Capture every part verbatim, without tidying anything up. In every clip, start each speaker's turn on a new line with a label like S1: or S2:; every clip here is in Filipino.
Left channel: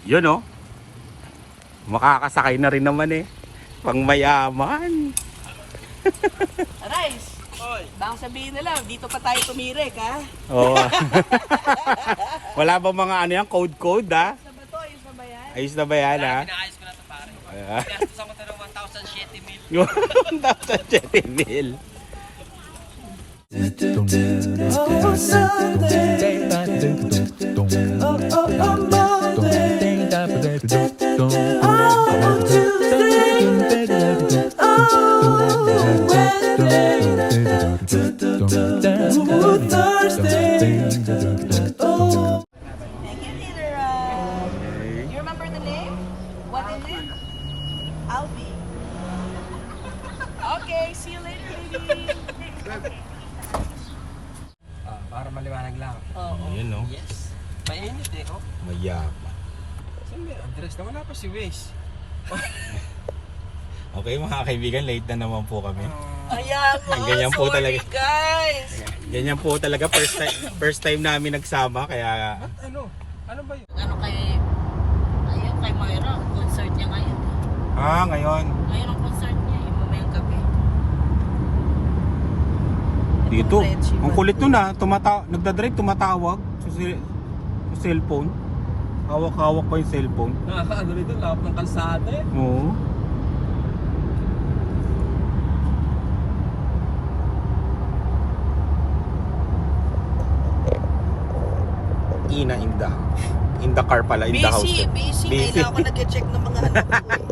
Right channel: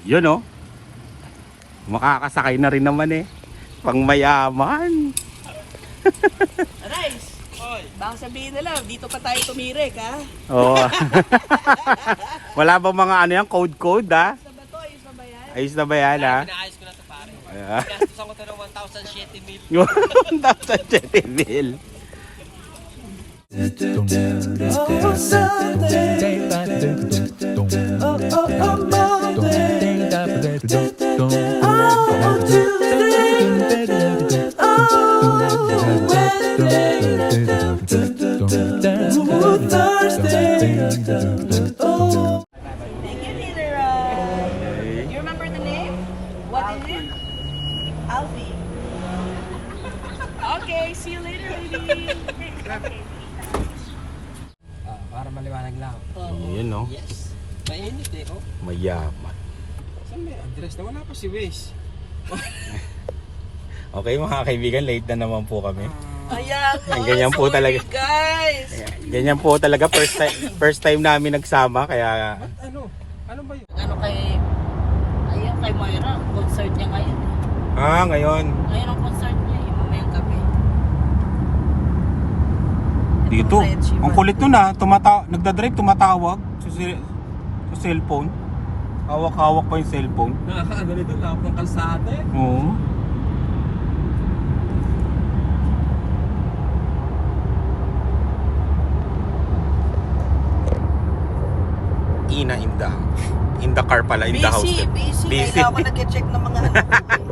S1: Yun oh. Makakasakay na rin naman eh. Pang mayaman.
S2: Arais, baka sabihin nila, dito pa tayo tumirik ha?
S1: Oo. Wala bang mga ano yan, code-code ha?
S2: Ayos na ba to? Ayos na ba yan?
S1: Ayos na ba yan ha?
S3: Pinaayos ko na ito pare.
S1: Ah.
S3: Gastos ako ito ng one thousand seventy mil.
S1: one thousand seventy mil.
S4: Oh, Sunday. Oh, oh, oh, Monday. Oh, Tuesday. Oh, Wednesday. Ooh, Thursday. Oh.
S2: Thank you, Peter. Uh, you remember the name? What is it? Alfie. Okay, see you later, lady.
S3: Ah, para maliwanag lang.
S1: Yun no.
S3: Yes. Mainit eh, oh.
S1: Mayaman.
S3: Saan may address na? Wala pa si Wes.
S1: Okay mga kaibigan, late na naman po kami.
S2: Ayan,
S1: Ang ganyan po
S2: sorry,
S1: talaga.
S2: guys.
S1: Ganyan po talaga, first time, first time namin nagsama, kaya
S3: Ano? Ano ba yun?
S5: Ano kay ayun kay Moira, concert niya ngayon.
S1: ah ngayon
S5: Ngayon ang concert niya, yung mamayang gabi.
S1: dito. Ang kulit nun ah, tumata nagdadrive tumatawag sa, sa cellphone. Hawak-hawak pa yung cellphone.
S3: Nakakaano nito, lapang ng kalsada eh.
S1: Oo. Ina in the in the car pala, in the house.
S2: Busy, busy.
S1: Busy.
S2: Kailangan ko nag-check ng mga ano.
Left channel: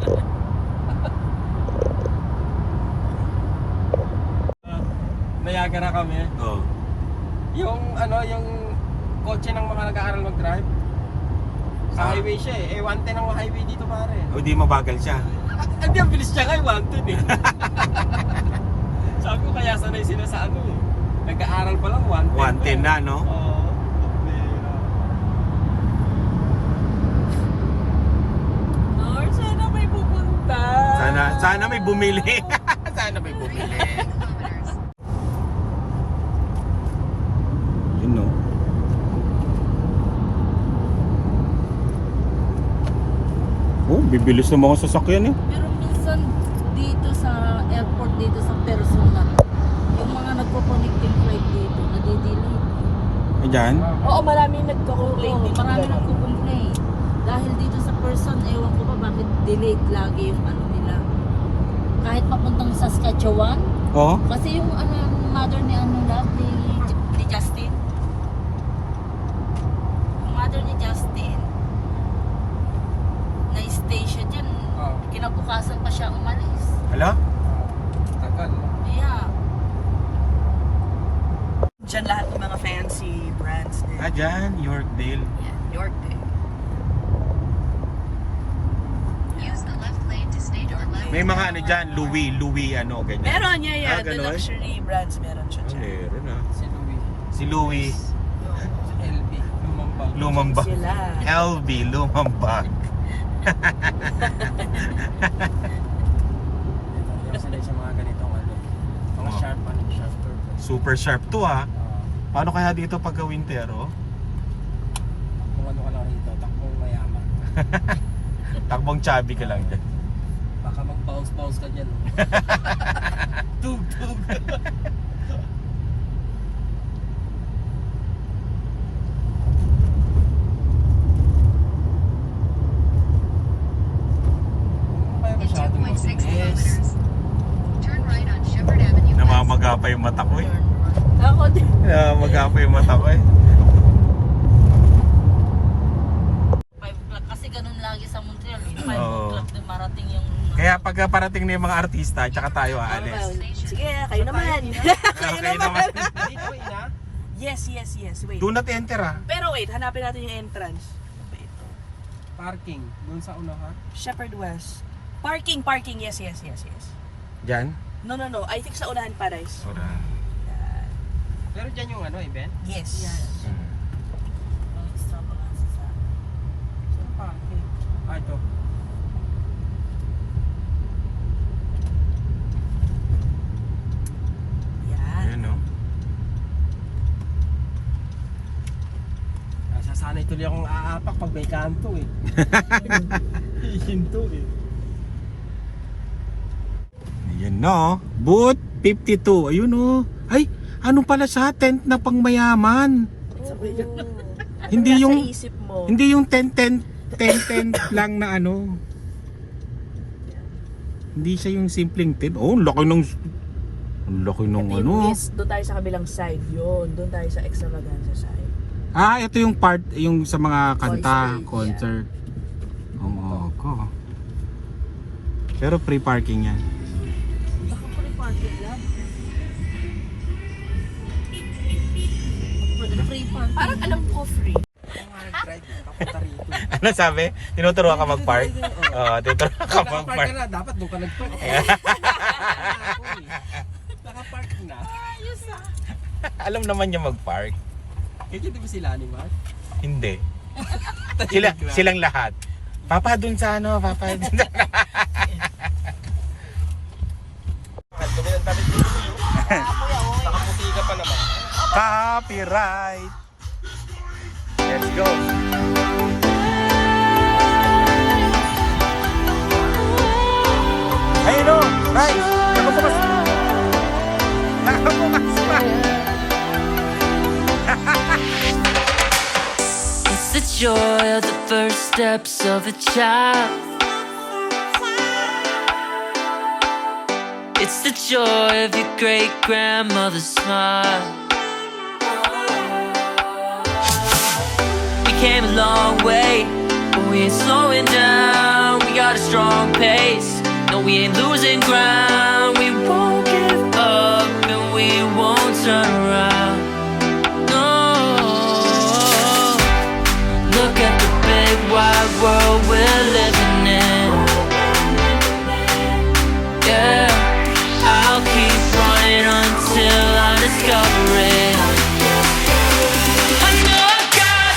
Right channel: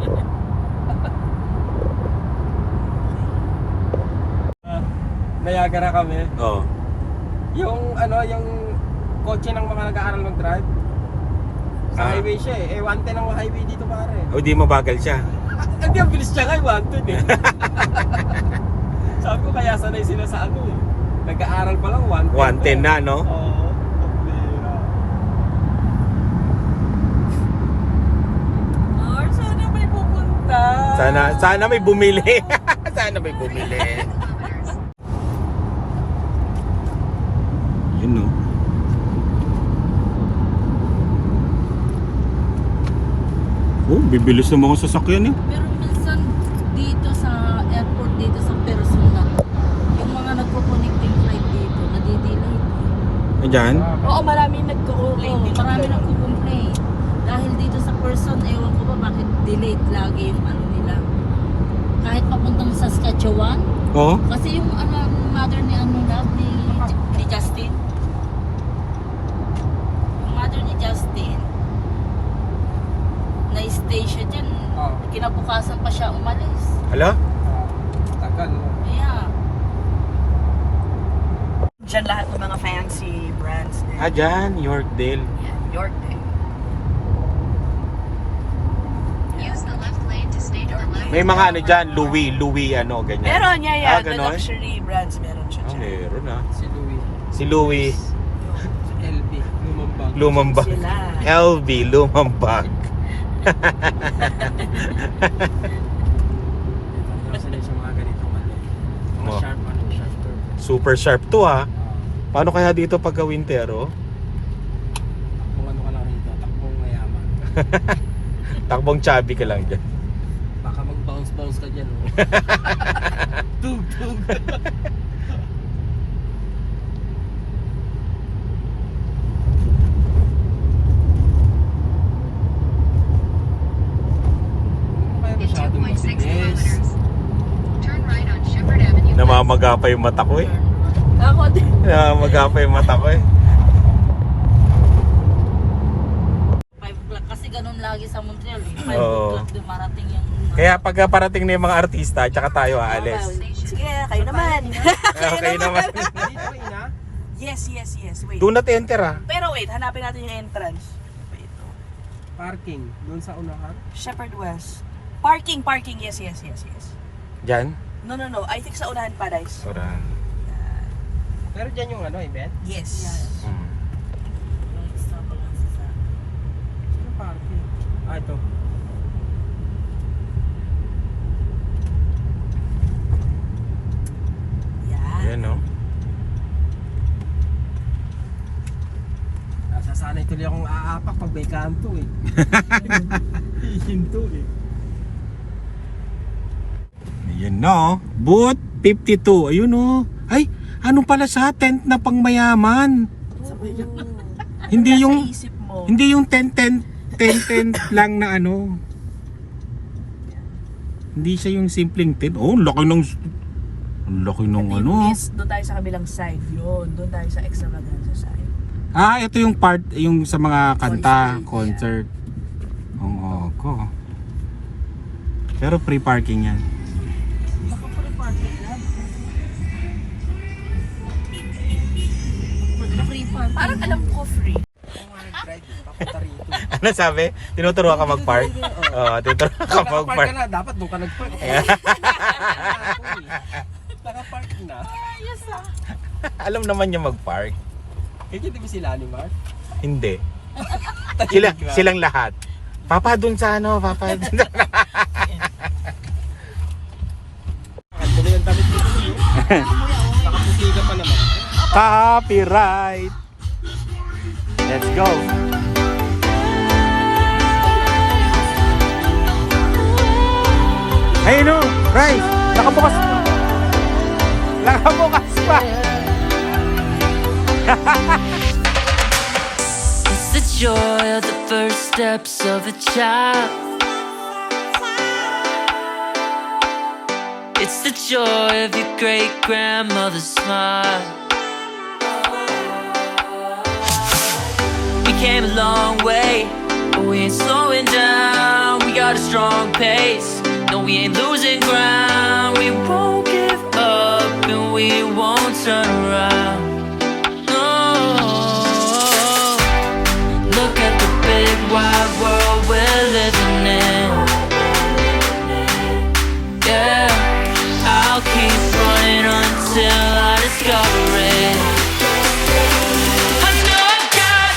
S3: Niagara kami.
S1: Oo.
S3: Yung ano, yung kotse ng mga nag-aaral mag-drive. Sa
S1: Ah.
S3: highway siya eh. Eh, one ten ang highway dito pare.
S1: O di mabagal siya.
S3: Hindi, ang bilis niya ngayon, one ten eh. Sabi ko kaya sanay sila sa ano eh. Nag-aaral pa lang, one ten.
S1: one ten na no?
S3: Oo.
S2: Or, sana may pupunta.
S1: Sana sana may bumili. Sana may bumili. Yun no. Oh, bibilis ng mga sasakyan eh.
S5: Pero minsan dito sa airport dito sa Persona, yung mga nagko-connecting flight dito, nadidelay.
S1: Ayan.
S2: Oo, maraming nagka-complain din.
S5: Marami nagko-complain. Dahil dito sa Person, ewan ko ba bakit delayed lagi yung ano nila. Kahit papuntang Saskatchewan,
S1: Oo.
S5: kasi yung ano, mother ni Amina, ni, ni Justin. Yung mother ni Justin, na-stay siya dyan.
S3: Oo.
S5: Kinabukasan pa siya umalis.
S1: Hala?
S3: Tagal no?
S5: Yeah.
S2: Diyan lahat ng mga fancy brands.
S1: Ah, dyan. Yorkdale.
S5: Yeah, Yorkdale.
S1: May mga ano dyan, Louis, Louis ano, ganyan.
S2: Meron niya yan.
S1: Ah,
S2: The
S1: ganon?
S2: luxury brands meron siya
S1: Ah,
S2: dyan.
S1: meron ah.
S3: Si Louis.
S1: Si Louis,
S3: Si L B. Lumambang.
S1: lumambag.
S2: Sila.
S1: L B, lumambag.
S3: Sanay sa mga ganitong ano. Mga
S1: Oh.
S3: sharp ano, sharp curve.
S1: Super sharp to ah. Paano kaya dito pagka winter oh?
S3: Kung ano ka lang rito, takbong mayaman.
S1: Takbong chubby ka lang dyan.
S3: Baka mag-bounce-bounce ka dyan, oh. Tug, tug. Kaya masyadong mabilis.
S1: Namamaga pa yung mata ko eh.
S2: Ako din.
S1: Namamaga pa yung mata ko eh.
S5: five o'clock kasi ganun lagi sa Montreal. Eh. five
S1: Oo.
S5: o'clock din marating yung...
S1: Kaya pagka parating na yung mga artista, tsaka tayo aalis.
S2: Sige, kayo naman.
S1: Okay naman.
S3: Dito ba ina?
S2: Yes, yes, yes. Wait.
S1: Do not enter ah.
S2: Pero wait, hanapin natin yung entrance. Wait.
S3: Parking. Doon sa unahan.
S2: Shepherd West. Parking, parking. Yes, yes, yes, yes.
S1: Dyan?
S2: No, no, no. I think sa unahan Paradise.
S1: Ora.
S3: Pero dyan yung ano, event?
S2: Yes.
S1: Hmm.
S3: Saan parking? Ah, ito.
S2: Yan.
S1: Ayan no.
S3: Nasasanay tuloy akong aapak pag may kanto eh. Hinto eh.
S1: Ayan na oh. Booth fifty-two. Ayun oh. Ay, ano pala sa tent na pangmayaman? Hindi yung
S2: Sa isip mo.
S1: hindi yung tent tent tent tent lang na ano. Hindi siya yung simpleng tent. Oh, ang laki ng ang laki ng ano.
S2: Yes, doon tayo sa kabilang side yun. Doon tayo sa extravaganza side.
S1: Ah, ito yung part yung sa mga kanta,
S2: Concert,
S1: concert. Oo, ko. Pero free parking yan.
S2: Baka pa rin parking lang.
S5: Free parking.
S2: Parang alam ko free.
S3: Ako nga nag-drive, papunta rito.
S1: Ano sabi? Tinuturuan ka mag-park? Oo, tinuturuan ka
S3: Nakapark ka na, dapat doon ka nag-park. Nakapark na.
S1: Alam naman yung mag-park.
S3: Kaya di ba sila ni Mark?
S1: Hindi. Sila, silang lahat. Papa dun sa ano, papa dun sa...
S3: Dumi ng damit dito. Nakaputi ka pa naman.
S1: Copyright! Let's go! Ayun o! Guys! Nakabukas! Nakabukas pa!
S6: It's the joy of the first steps of a child. It's the joy of your great grandmother's smile. We came a long way, but we ain't slowing down. We got a strong pace. No, we ain't losing ground. We won't give up and we won't turn around. Look at the big wide world we're living in. Yeah, I'll keep running until I discover it. I know I've got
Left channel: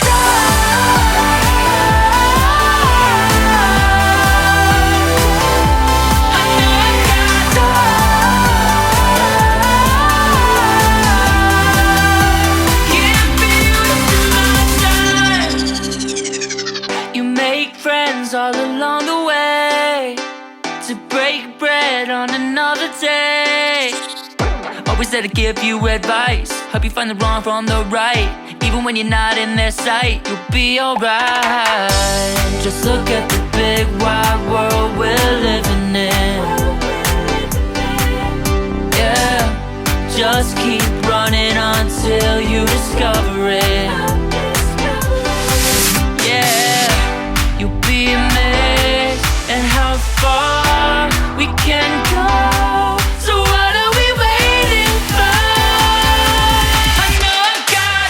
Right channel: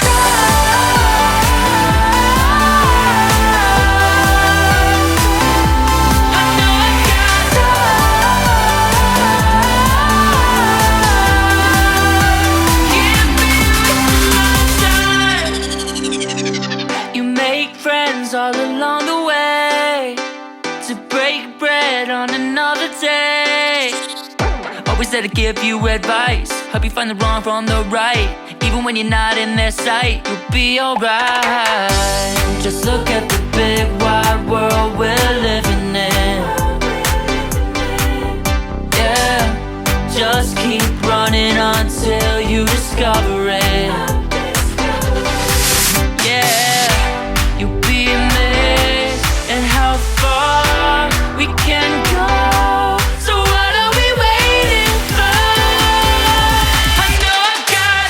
S6: I know I've got Can't be wasting my time. You make friends all along the way to break bread on another day. Always there to give you advice, help you find the wrong from the right. Even when you're not in their sight, you'll be alright. Just look at the big wide world we're living in. Yeah, just keep running until you discover it. Yeah, you'll be amazed at how far we can go. So what are we waiting for? I know I've got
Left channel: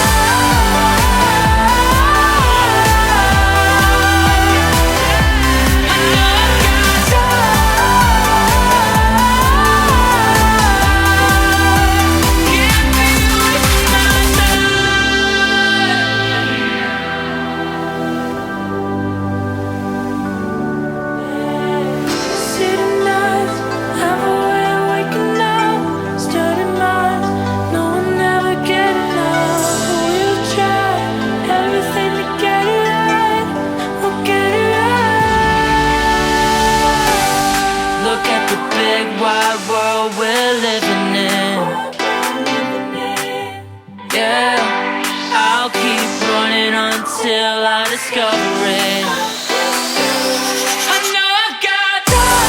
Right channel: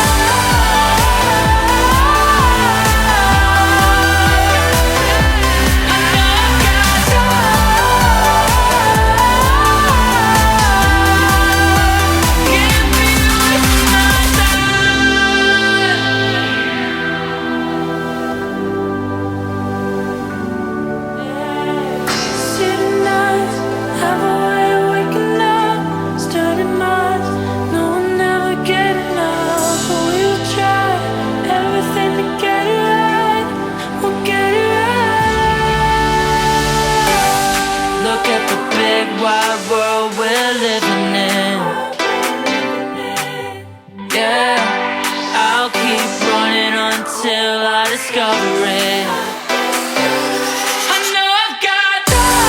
S6: I know I've got Can't be wasting my time. City nights have a way of waking up, starting minds, no one ever get enough. But we'll try everything to get it right. We'll get it right. Look at the big wide world we're living in. Yeah, I'll keep running until I discover it. I know I've got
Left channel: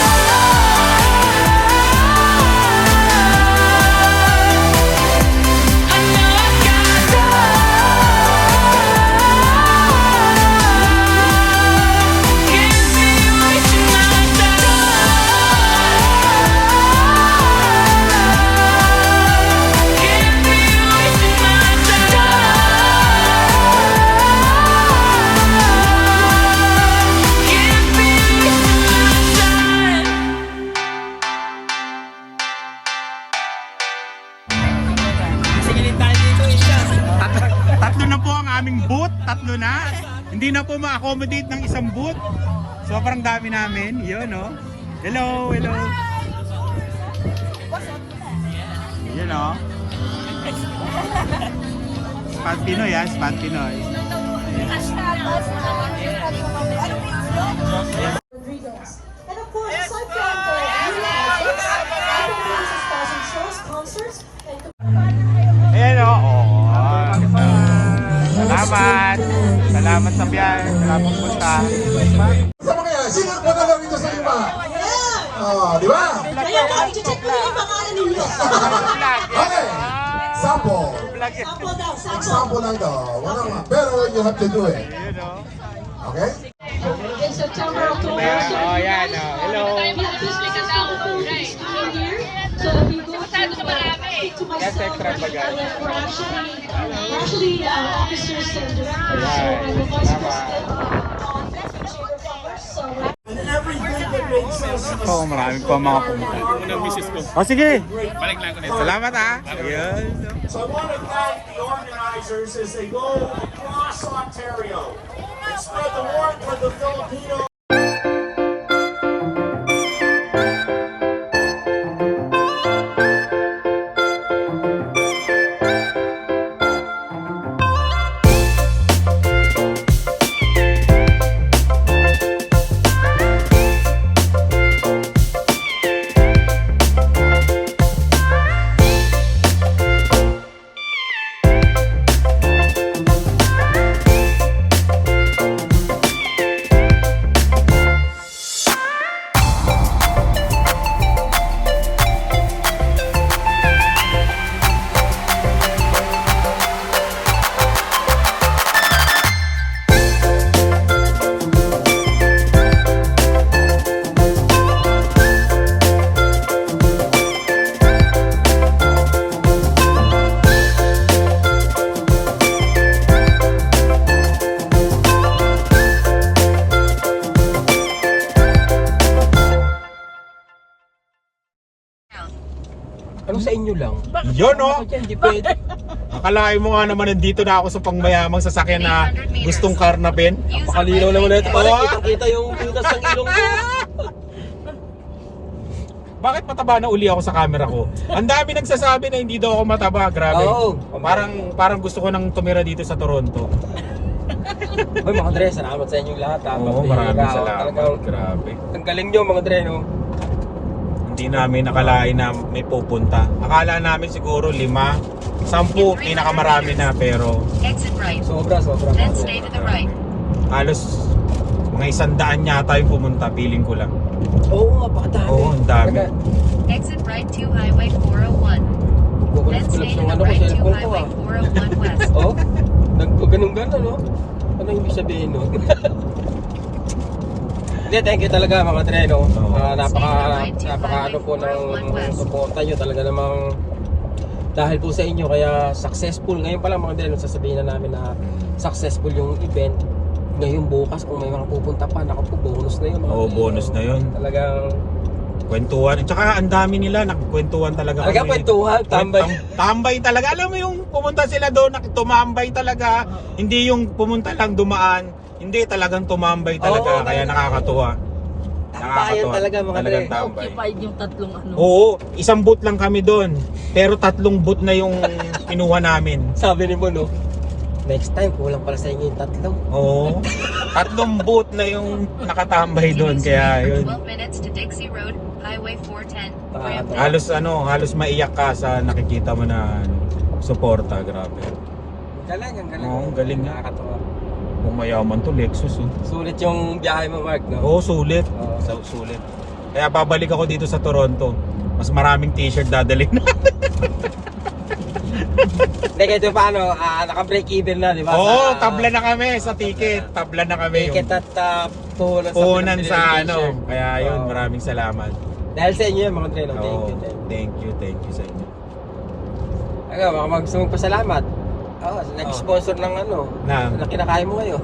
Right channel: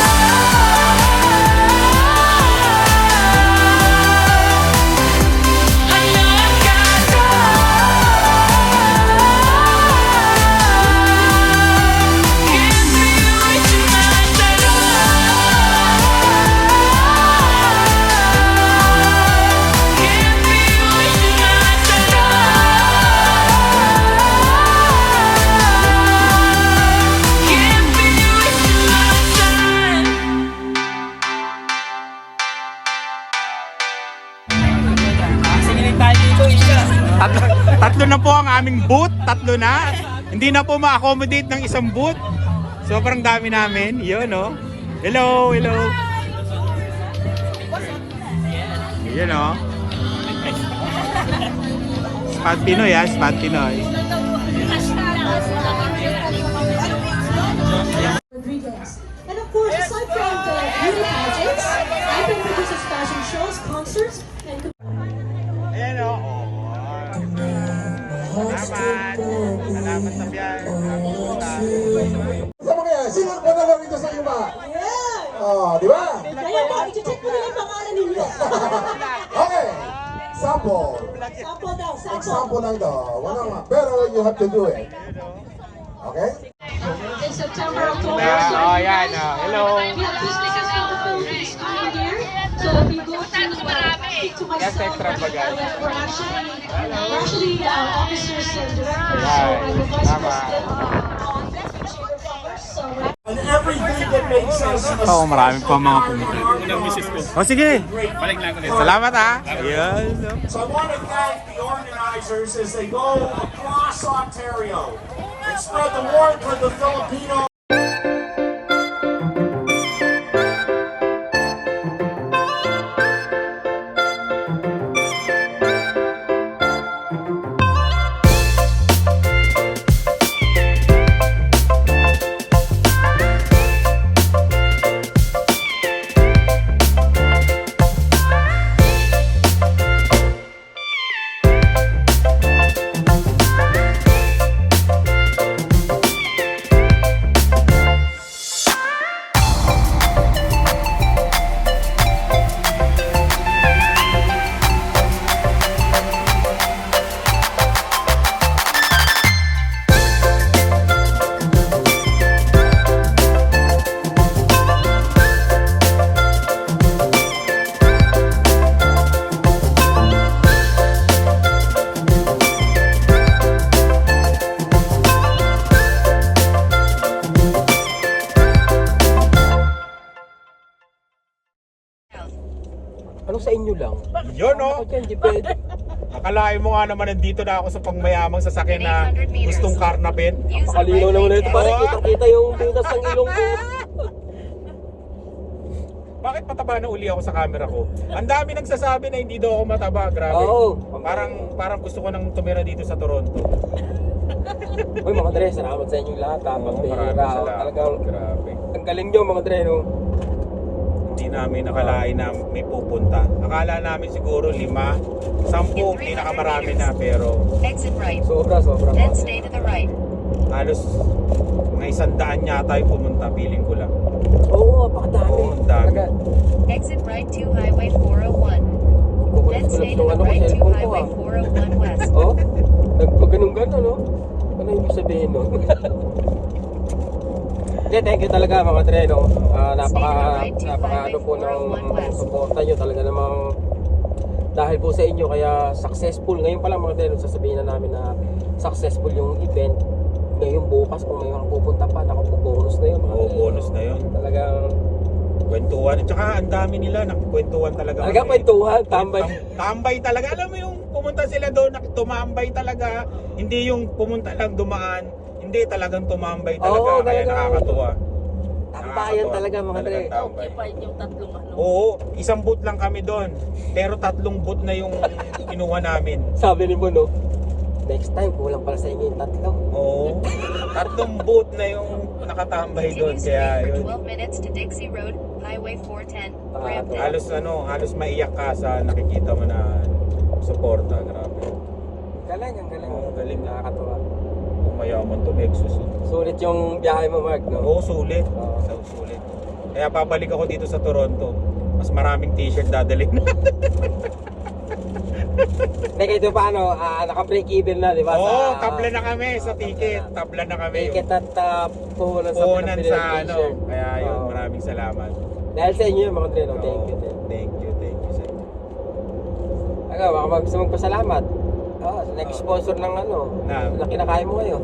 S6: I know I've got Can't be wasting my time. Can't be wasting my time. Can't be wasting my time.
S1: Tatlo, tatlo na po ang aming booth. Tatlo na. Hindi na po ma-accommodate ng isang booth. Sobrang dami namin. Yun, oh. Hello, hello. Yun, oh. Spot Pinoy, ah. Spot Pinoy. Salamat. Salamat sa biyahe. Salamat punta.
S7: Sama kaya, sino ang gagawin niyo sa iba? Oh, di ba?
S2: Ayun po, i-check ko na yung pangalan ninyo.
S7: Okay. Sample.
S2: Sample daw, sample.
S7: Example lang daw. Wala nga. Pero you have to do it. Okay?
S2: In September, October,
S1: Oh, yan. Oh. Hello.
S8: So we go to uh, speak to myself.
S1: Yes, extra bagay.
S8: We're actually, we're actually uh, officers and directors. So
S1: Right.
S8: I'm the vice
S1: Tama.
S8: president on Chamber of Commerce. So
S1: Oo, oh, maraming pa mga pumunta. O sige. Balik lang ulit. Salamat ha. Ayun.
S9: So I want to thank the organizers as they go across Ontario and spread the word for the Filipino.
S3: Ano sa inyo lang?
S1: Yun oh.
S3: Bakit yan? Di pwede.
S1: Akalain mo nga naman nandito na ako sa pangmayamang sasakyan na gustong karnapin.
S3: Pakalinaw naman na ito. Parang
S1: Oo.
S3: kita-kita yung butas ng ilong ko.
S1: Bakit mataba na uli ako sa camera ko? Ang dami nagsasabi na hindi daw ako mataba, grabe.
S3: Oo.
S1: Parang parang gusto ko nang tumira dito sa Toronto.
S3: Uy, mga Dre, salamat sa inyong lahat. ha.
S1: Oo,
S3: Mga
S1: maraming
S3: Dre,
S1: salamat.
S3: talagang-
S1: Grabe.
S3: Ang galing nyo, mga Dre, no?
S1: Hindi namin nakalain na may pupunta. Akala namin siguro lima, sampu, pinakamarami na pero
S6: Exit right.
S3: Sobra, sobra.
S6: Then stay to the right.
S1: halos mga isang daan yata yung pumunta, feeling ko lang.
S3: Oo, napakadami.
S1: Oo, ang dami.
S3: Talaga,
S6: Exit right to Highway four oh one. Then
S3: kukulit
S6: stay
S3: yung
S6: to
S3: ano
S6: the
S3: ko,
S6: right to
S3: cellphone ko,
S6: Highway
S3: ah.
S6: four oh one west.
S3: Oh, nagpaganon-ganon, no? Ano yung ibig sabihin, no? Hindi, thank you talaga mga Dre, no? Ah, napaka, napaka ano po ng suporta nyo talaga namang dahil po sa inyo kaya successful. Ngayon pa lang mga Dre, no, sasabihin na namin na successful yung event. Ngayon bukas kung may mga pupunta pa, naku po, bonus na yun. mga
S1: Oo,
S3: Dre.
S1: bonus na yun.
S3: Talagang,
S1: Kwentuhan. Tsaka ang dami nila, nakikwentuhan talaga.
S3: talagang
S1: kami.
S3: kwentuhan, tambay.
S1: Tambay talaga. Alam mo yung pumunta sila doon, nak- tumambay talaga. Hindi yung pumunta lang dumaan. Hindi, talagang tumambay talaga.
S3: Oo,
S1: Kaya
S3: talaga.
S1: nakakatuwa.
S3: Tambayan talaga mga Dre.
S1: Talagang tambay.
S5: Occupied yung tatlong ano.
S1: Oo, isang boot lang kami doon. Pero tatlong boot na yung kinuha namin.
S3: Sabi ni mo, no? Next time, kulang pala sa inyo yung tatlo.
S1: Oo. Tatlong boot na yung nakatambay doon. Kaya yun.
S6: twelve minutes to Dixie Road, Highway four ten.
S3: Ah,
S1: Halos ano, halos maiyak ka sa nakikita mo na suporta. Grabe.
S3: Galing, ang galing.
S1: Oo, galing.
S3: Nakakatawa.
S1: Kung mayaman to, Lexus. Oh.
S3: Sulit yung biyahe mo, Mark, no?
S1: Oo, sulit. So, sulit. Kaya babalik ako dito sa Toronto. Mas maraming t-shirt dadalhin.
S3: Teka, ito paano? Ah, naka-break even na, di ba?
S1: Oo,
S3: Sa-
S1: tabla na kami sa ticket. Tabla na kami.
S3: Ticket at uh, puhunan sa
S1: Puhunan
S3: Philippine
S1: sa
S3: Aviation.
S1: ano. Kaya yun,
S3: Oo.
S1: maraming salamat.
S3: Dahil sa inyo, mga treno, thank
S1: Oo,
S3: you. din.
S1: thank you, thank you sa inyo.
S3: Aga, baka mag gusto magpasalamat. Oo, nag-sponsor ng ano,
S1: Na?
S3: na kinakain mo ngayon.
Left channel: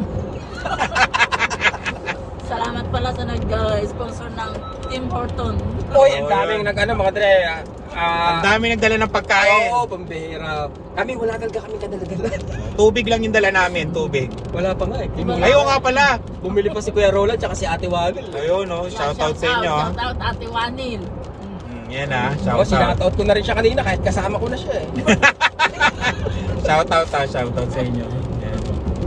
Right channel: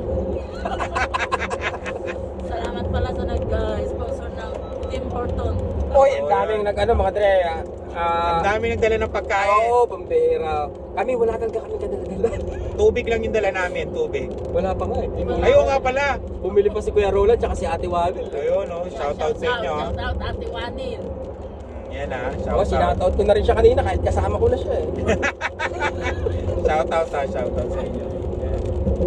S5: Salamat pala sa nag-sponsor ng Tim Horton.
S3: Uy, ang daming nag ano, mga tre.
S1: Ang
S3: Ah,
S1: dami nagdala ng pagkain.
S3: Oo, pambihira. Kami, wala talaga kami kadalagal.
S1: Tubig lang yung dala namin, tubig.
S3: Wala pa nga eh.
S1: Ayun nga pala.
S3: Bumili pa si Kuya Roland tsaka si Ate Wagel.
S1: Ayun, oh, shoutout sa inyo. ah.
S5: Shout out, Ate Wanin.
S1: Mm, yan ah,
S3: Oh,
S1: shoutout.
S3: sinakataot ko na rin siya kanina kahit kasama ko na siya eh.
S1: Shoutout ah, shoutout sa inyo. Yan.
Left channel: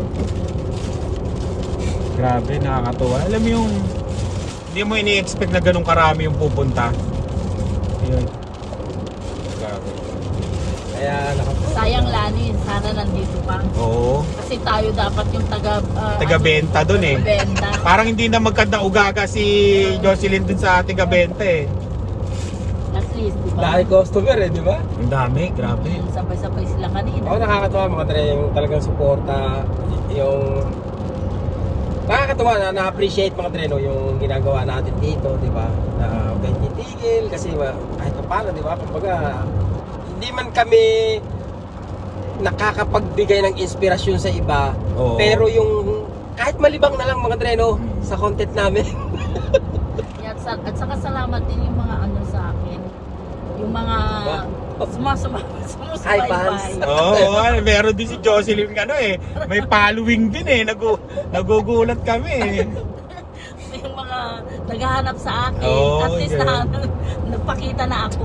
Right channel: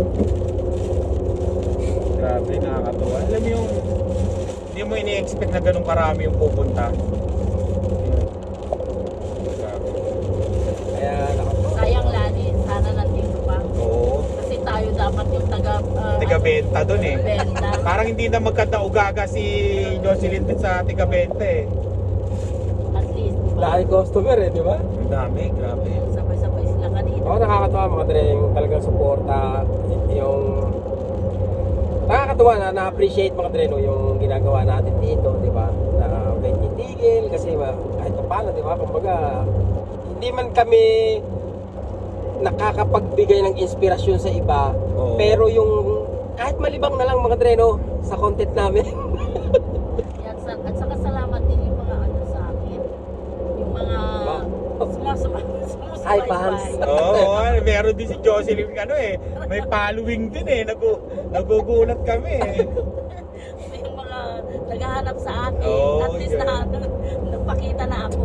S1: Grabe, nakakatuwa. Alam mo yung, hindi mo ini-expect na ganun karami yung pupunta. Yun. Grabe.
S3: Kaya, naka-
S5: Sayang Sayang Lani, sana nandito pa.
S1: Oo.
S5: Kasi tayo dapat yung taga... ah,
S1: Taga-benta doon eh.
S5: Benta.
S1: Parang hindi na magkanda-ugaga si Jocelyn dun sa taga-benta eh.
S5: At least, di ba?
S3: Dahil customer eh, di ba?
S1: Ang dami, grabe.
S5: Sabay-sabay sila kanina.
S3: Oo, nakakatuwa mga Dre, yung talagang suporta, yung... Nakakatuwa na na-appreciate mga Dre, no, yung ginagawa natin dito, di ba? Na kahit titigil, kasi ba, kahit pa paano, di ba? Kumbaga, hindi man kami nakakapagbigay ng inspirasyon sa iba,
S1: Oo.
S3: pero yung kahit malibang na lang mga Dre, no, sa content namin.
S5: Yan, sa- at saka salamat din yung mga ano sa akin. Yung mga sumasama,
S3: Hi,
S5: sumusubaybay.
S3: fans.
S1: Oo, oh, meron din si Jocelyn ano eh. May following din eh. Nagu nagugulat kami eh.
S5: Yung mga naghahanap sa akin.
S1: Oo,
S5: At least
S1: yun.
S5: na, nagpakita na ako.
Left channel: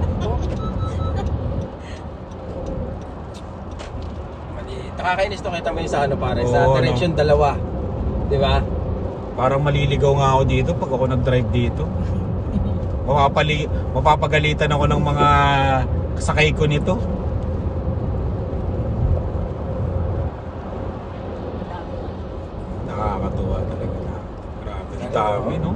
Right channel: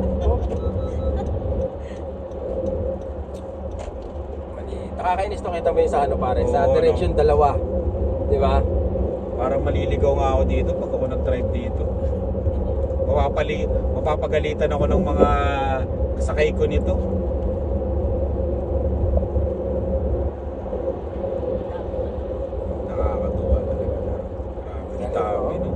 S3: Nakakainis to, kita mo yung sa ano pare, sa
S1: Oo,
S3: direction dalawa. Di ba?
S1: Parang maliligaw nga ako dito pag ako nag-drive dito. Mapapali, mapapagalitan ako ng mga kasakay ko nito. Nakakatuwa talaga. Grabe, ang dami no.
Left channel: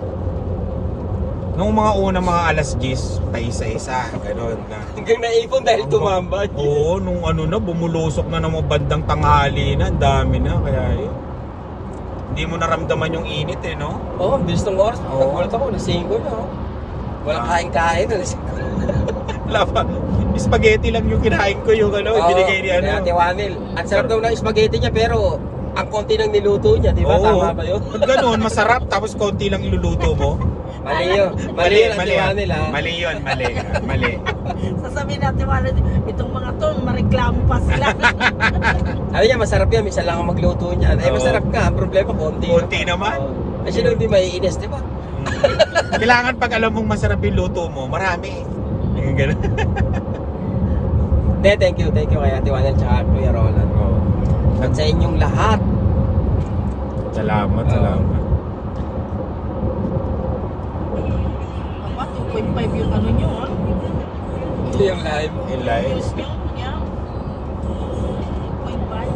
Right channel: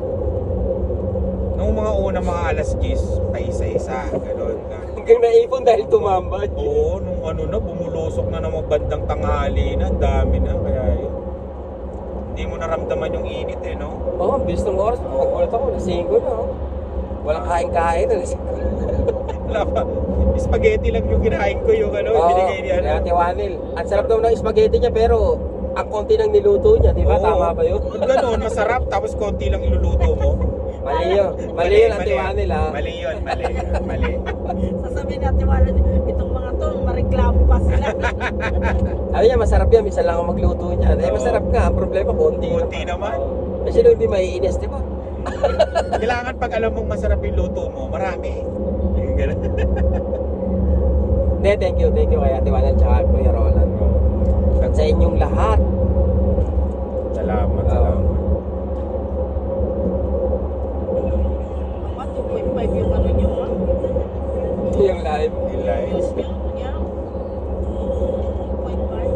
S1: Nung mga unang mga alas diyes, pa isa-isa, gano'n na.
S3: Hanggang naipon dahil tumamba.
S1: Oo, nung ano na, bumulusok na ng mga bandang tanghali na, ang dami na, kaya yun. Hindi mo naramdaman yung init eh, no?
S3: Oo, oh, bilis ng oras. Nagkulat ako, alas singko na. oh. Walang kain-kain, alas singko.
S1: Wala pa. Spaghetti lang yung kinain ko yung ano,
S3: Oo,
S1: binigay ni ano.
S3: kay Ate Wanel. Ang sarap daw ng spaghetti niya, pero ang konti ng niluto niya, di ba?
S1: Oo.
S3: Tama ba yun?
S1: Ba't ganun, masarap, tapos konti lang iluluto mo.
S3: Mali yun. Mali yun, Ate
S1: yun.
S3: Wanel, ha?
S1: Mali yun, mali. Mali.
S5: Sasabihin natin, wala, itong mga to, mareklamo pa sila.
S3: Ano yan, masarap yan. Minsan lang ang magluto niya. Eh,
S1: Oo.
S3: masarap nga. Ang problema, konti.
S1: Konti naman.
S3: Kasi nung di maiinis, di ba?
S1: Kailangan pag alam mong masarap yung luto mo, marami. Yung ganun.
S3: Hindi, thank you. Thank you kay Ate Wanel tsaka Kuya Roland. At sa inyong lahat.
S1: Salamat, salamat.
S5: Mga two point five yung ano nyo, ha?
S3: Ito yung live.
S1: Yung live.
S5: Yes, yung, yeah. two point five.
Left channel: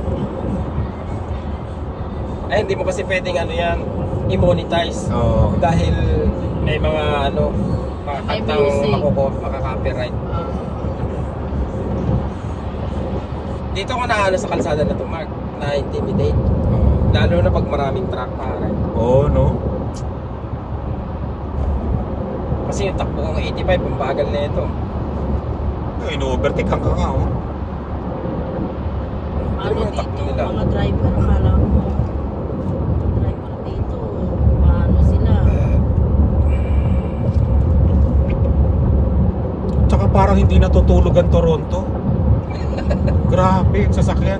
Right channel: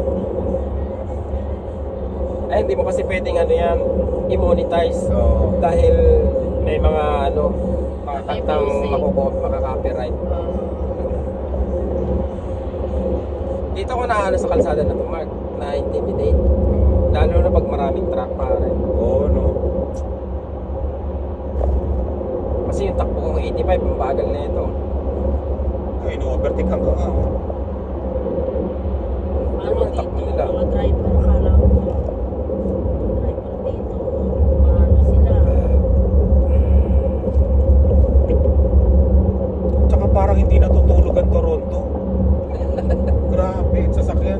S3: Ay, hindi mo kasi pwedeng ano yan, i-monetize.
S1: Oo.
S3: Dahil may mga ano, mga
S5: May
S3: kantang
S5: music.
S3: makoko- makaka-copyright.
S5: Ah,
S3: Dito ko na ano sa kalsada na ito, Mark, na-intimidate. Lalo na pag maraming truck, pare.
S1: Oo, no?
S3: Kasi yung takbo kong eighty-five, yung bagal na ito.
S1: Ino-overtake ka nga, oh.
S5: ano
S3: Yung
S5: dito,
S3: takbo nila.
S5: mga driver, akala ko. Driver dito, paano sila?
S1: Tsaka parang hindi natutulog ang Toronto. Grabe, yung sasakyan.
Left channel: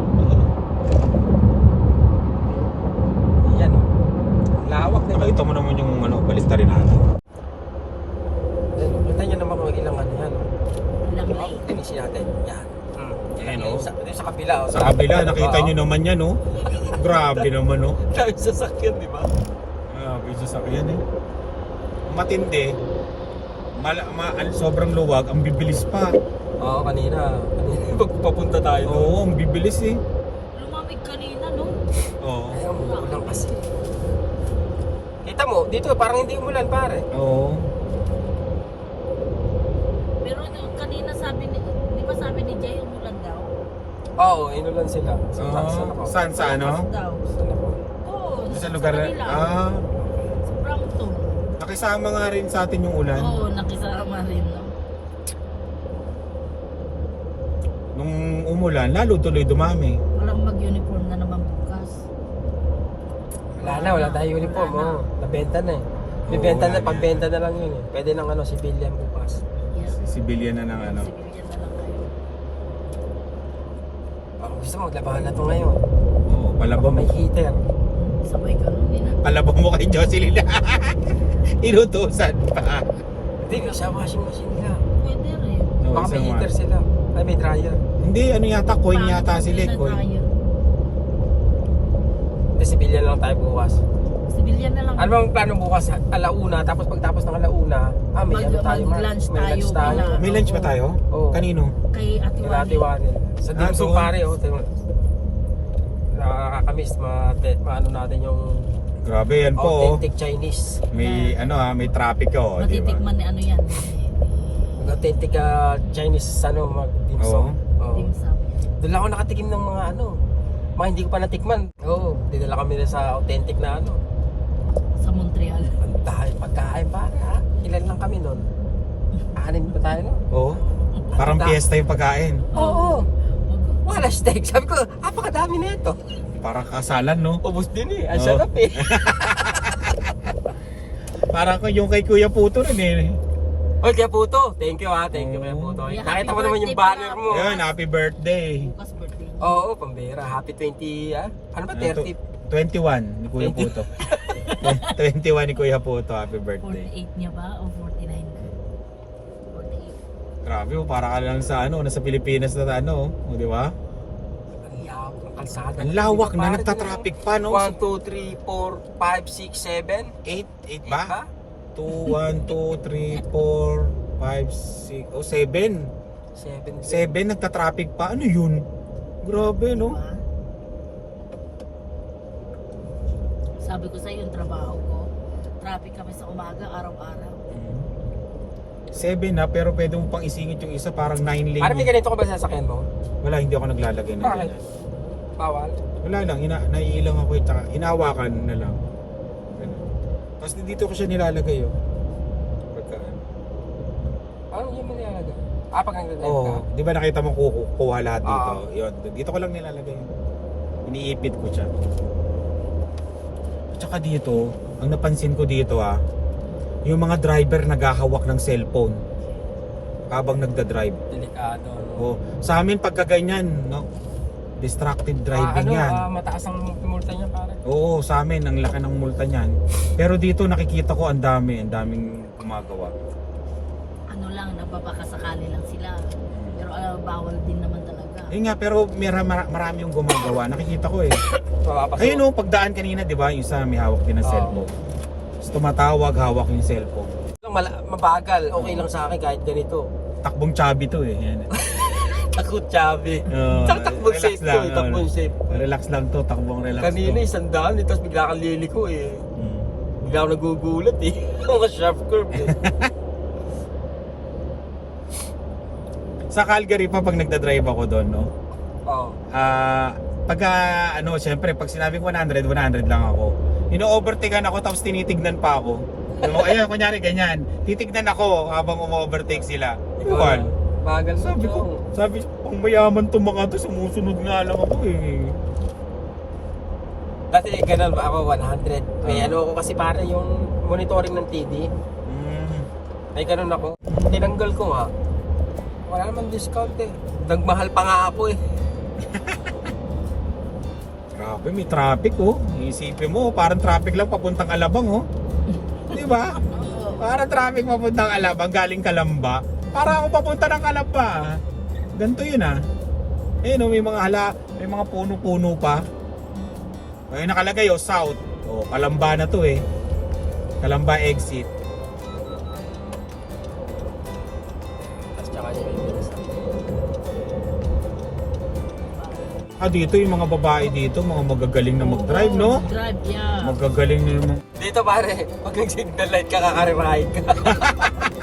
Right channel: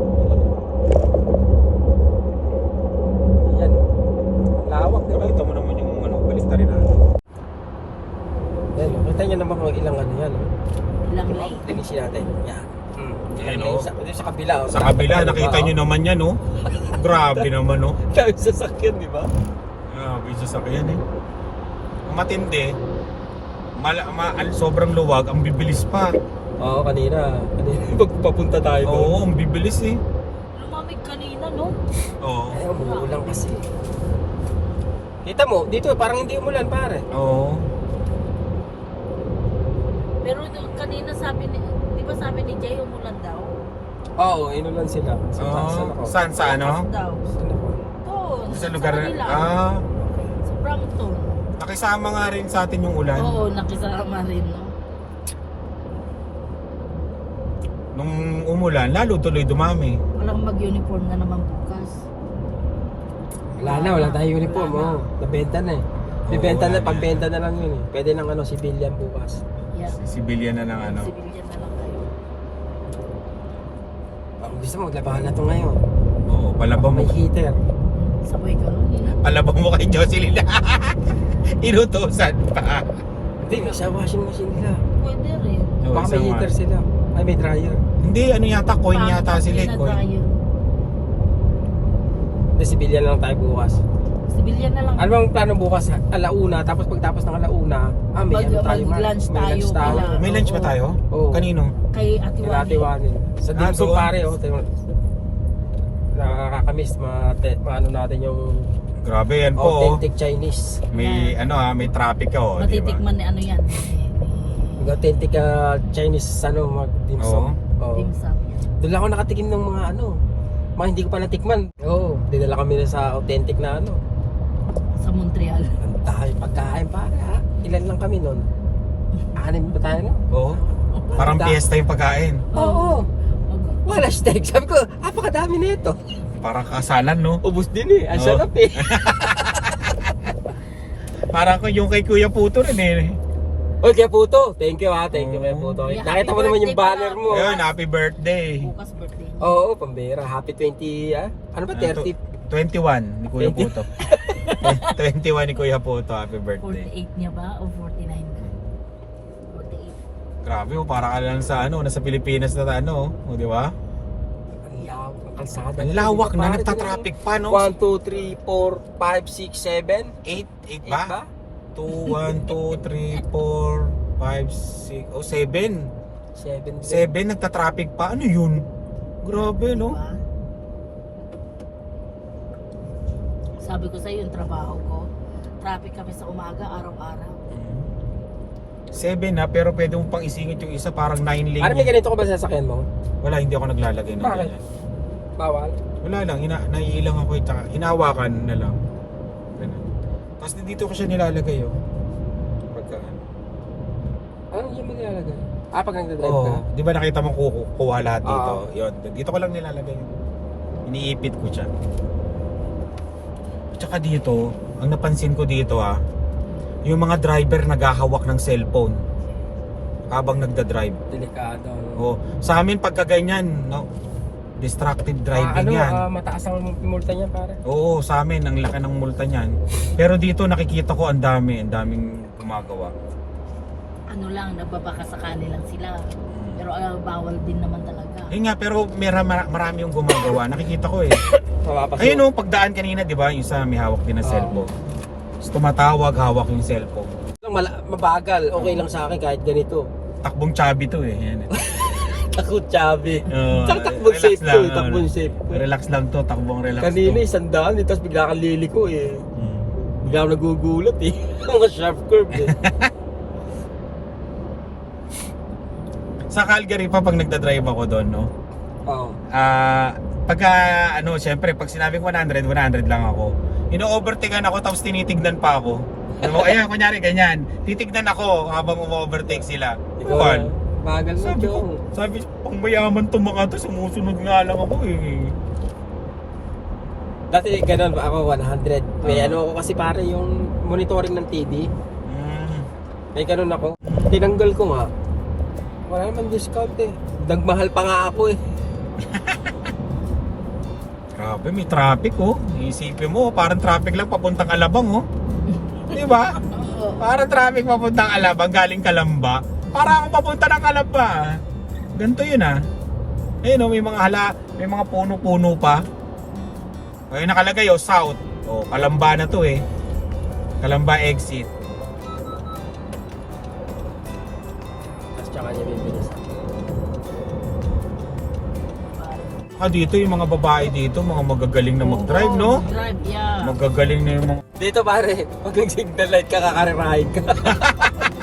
S3: Yan, oh. Lawak, diba?
S1: Nakita mo naman yung ano, balista rin natin.
S3: Ayun, kita nyo naman kung ilang ano yan. oh.
S5: Ilang lane.
S3: Linisin natin. Yan. Hmm.
S1: Yan,
S3: Yung
S1: oh.
S3: sa, yung sa kabila. oh.
S1: Sa kabila, nakita
S3: Diba,
S1: nyo naman yan, oh. Grabe naman, oh.
S3: Dahil sasakyan, di ba?
S1: Grabe yung sasakyan, eh. Matindi. Mal ma al- sobrang luwag, ang bibilis pa.
S3: Oo, kanina. Kanina, pagpapunta tayo doon.
S1: Oo, ang bibilis, eh.
S5: Lumamig kanina, no?
S1: Oo.
S3: Ay, umuulan kasi. Kita mo, dito parang hindi umulan, pare.
S1: Oo.
S5: Pero doon kanina sabi ni, di ba sabi ni Jay, umulan daw?
S3: Oo, inulan sila. Sa
S1: Oo.
S3: taas ako.
S1: Saan, sa ano?
S5: Daw.
S3: Saan ako?
S5: Doon,
S1: Sa lugar na,
S5: kanila.
S1: ah,
S5: Sa Brampton.
S1: nakisama nga rin sa atin yung ulan.
S5: Oo, nakisama rin, no?
S1: Nung umulan, lalo tuloy dumami.
S5: Walang mag-uniform na naman bukas.
S3: Wala na, wala tayong uniform.
S5: Wala na.
S3: Oo, nabenta na eh. Bibenta
S1: wala
S3: na,
S1: na.
S3: pagbenta na lang yun eh. Pwede ng ano, civilian bukas.
S5: Yeah.
S1: Sibilyan na ng ano.
S5: Civilian na lang kayo.
S3: Ako gusto mo, maglabahan na ito ngayon.
S1: Oo, palabang
S3: May
S1: mo.
S3: heater.
S5: Sabay ka nun, yun.
S1: Palabang mo kay Jocelyn. Inutusan pa.
S3: Hindi, may sa washing machine nila.
S5: Pwede rin.
S3: Baka may heater sila. Ay, may dryer.
S1: Hindi, ano yata, coin yata sila, eh,
S5: na
S1: coin.
S5: tayo.
S3: Hindi, civilian lang tayo bukas.
S5: Civilian na lang.
S3: Ano bang plano bukas? Alauna, tapos pagtapos ng alauna, ah, may
S5: Mag-
S3: ano tayo, Mar?
S5: mag-lunch
S3: May
S5: tayo.
S3: lunch tayo.
S5: Kaya-
S1: May lunch ba tayo?
S3: Oo.
S1: Kanino?
S5: Kay Ate
S3: Kaya
S5: Wani.
S3: natiwanin. Sa dim
S1: Ah,
S3: sum
S1: doon?
S3: pare, oh. Tingnan. Nakakamiss, ma-te- maano natin yung
S1: Grabe yan po. oh.
S3: authentic Chinese.
S1: May ano ah, may traffic oh. di ba?
S5: Matitikman ni ano yan.
S3: Yung authentic ah, Chinese ano, mag dim sum. Oo.
S5: Dim sum.
S3: Doon lang ako nakatikim ng mga ano, mga hindi ko pa natikman. Oo, dinala kami na sa authentic na ano.
S5: Sa Montreal.
S3: Ang dahil pagkain pare ha. Ilan lang kami nun? Anim ba tayo no?
S1: Oo. Parang
S3: Da-
S1: piyesta yung pagkain.
S3: Oo. Wala steak. Sabi ko, apakadami na ito.
S1: Parang kasalan no.
S3: Ubus din eh. Ang
S1: Oo.
S3: sarap eh.
S1: Parang ko yung kay Kuya Puto rin eh.
S3: Oy, Kuya Puto. Thank you ha. Thank you Kuya Puto.
S5: Yeah,
S3: Nakita
S5: happy
S3: ko naman yung
S5: birthday
S3: banner
S5: pala.
S3: mo.
S1: Ayun, happy birthday.
S5: Bukas birthday niya.
S3: Oo, pambira. Happy twenty, ah? Ano ba, thirty?
S1: twenty-one ni Kuya
S3: twenty.
S1: Puto. twenty-one ni Kuya Puto, happy birthday.
S5: forty-eight niya ba? O forty-nine na? forty-eight.
S1: Grabe oh, parang ka lang sa ano, nasa Pilipinas na ano, oh, di ba?
S3: Ang lawak ng kalsada.
S1: Ang lawak na,
S3: Pare,
S1: nagta-traffic pa no.
S3: one, two, three, four, five, six, seven.
S1: eight, eight
S3: Eight ba?
S1: ba? two, one, two, three, four, five, six, oh seven.
S3: seven.
S1: seven nagta-traffic pa. Ano yun? Grabe no.
S5: Sabi ko sa'yo, yung trabaho ko, traffic kami sa umaga, araw-araw.
S1: seven na, pero pwede mo pang isingit yung isa, parang nine lane.
S3: Parang may ganito ka ba sa sasakyan mo?
S1: Wala, hindi ako naglalagay ng
S3: Bakit?
S1: ganyan.
S3: Bawal?
S1: Wala lang, ina naiilang ako eh, tsaka hinawakan na lang. Ganun. Tapos dito ko siya nilalagay oh. Pagka,
S3: Ah, yan mo nilalagay. Ah, pag nagdadrive
S1: oh,
S3: ka?
S1: di ba nakita mo kukuha lahat dito?
S3: Oo.
S1: Yun, dito ko lang nilalagay. Iniipit ko siya. Tsaka dito, ang napansin ko dito ah, yung mga driver naghahawak ng cellphone habang nagda-drive.
S3: Delikado. No?
S1: Oh, sa amin pagka ganyan, no? Distracted
S3: Ah,
S1: driving
S3: ano,
S1: yan.
S3: ah, mataas ang multa niya pare.
S1: Oo, sa amin ang laki ng multa niyan. Pero dito nakikita ko ang dami, ang daming gumagawa.
S5: Ano lang, nagbabaka sakali lang sila. Pero ano, bawal din naman talaga.
S1: Yun nga, pero mera, mara- marami yung gumagawa. Nakikita ko eh.
S3: Mapapasok.
S1: Ayun oh, pagdaan kanina, di ba? Yung isa may hawak din ng
S3: Oo.
S1: cellphone. Tapos tumatawag, hawak yung cellphone.
S3: Mala- mabagal. Okay lang sa akin kahit ganito.
S1: Takbong chubby to eh. Yan.
S3: Takot chabi.
S1: Uh,
S3: Tsaka takbong
S1: relax
S3: safe
S1: lang,
S3: to eh.
S1: ano.
S3: Takbong safe.
S1: Relax lang to, takbong relax
S3: Kanina
S1: to.
S3: isang daan eh. Tapos bigla kang liliko eh.
S1: Hmm.
S3: Bigla ako nagugulat eh. Mga sharp curve eh.
S1: Sa Calgary pa pag nagda-drive ako doon, no?
S3: Oo.
S1: Ah, pagka ano, syempre pag sinabing one hundred, one hundred lang ako. Ino-overtakean ako tapos tinitignan pa ako. Ano, ayan, kunyari ganyan. Titignan ako habang umo-overtake sila.
S3: Ikaw
S1: Buwan.
S3: na. Bagal sa
S1: Sabi ko,
S3: iyo.
S1: sabi, pang mayaman to mga to, sumusunod nga lang ako eh.
S3: Dati ganun ako one hundred. May ano ako kasi pare yung monitoring ng T V.
S1: Mm.
S3: May ganun ako. Tinanggal ko nga. Wala naman discount eh. Nagmahal pa nga ako eh.
S1: Grabe, may traffic oh. Iisipin mo, parang traffic lang papuntang Alabang oh. Di ba? Parang traffic papuntang Alabang, galing Kalamba. Para akong papunta ng Kalamba. ah. Ganito yun ah. Ayun oh, may mga hala, may mga puno-puno pa. Ay nakalagay oh, south. Oh, Kalamba na to eh. Kalamba exit.
S3: Tapos tsaka yun yung bilis.
S1: Ah, dito yung mga babae dito, mga magagaling na mag-drive, no?
S5: Drive, yeah.
S1: Magagaling na yung mga...
S3: Dito pare, pag nag-signal light ka, kakarirahin ka.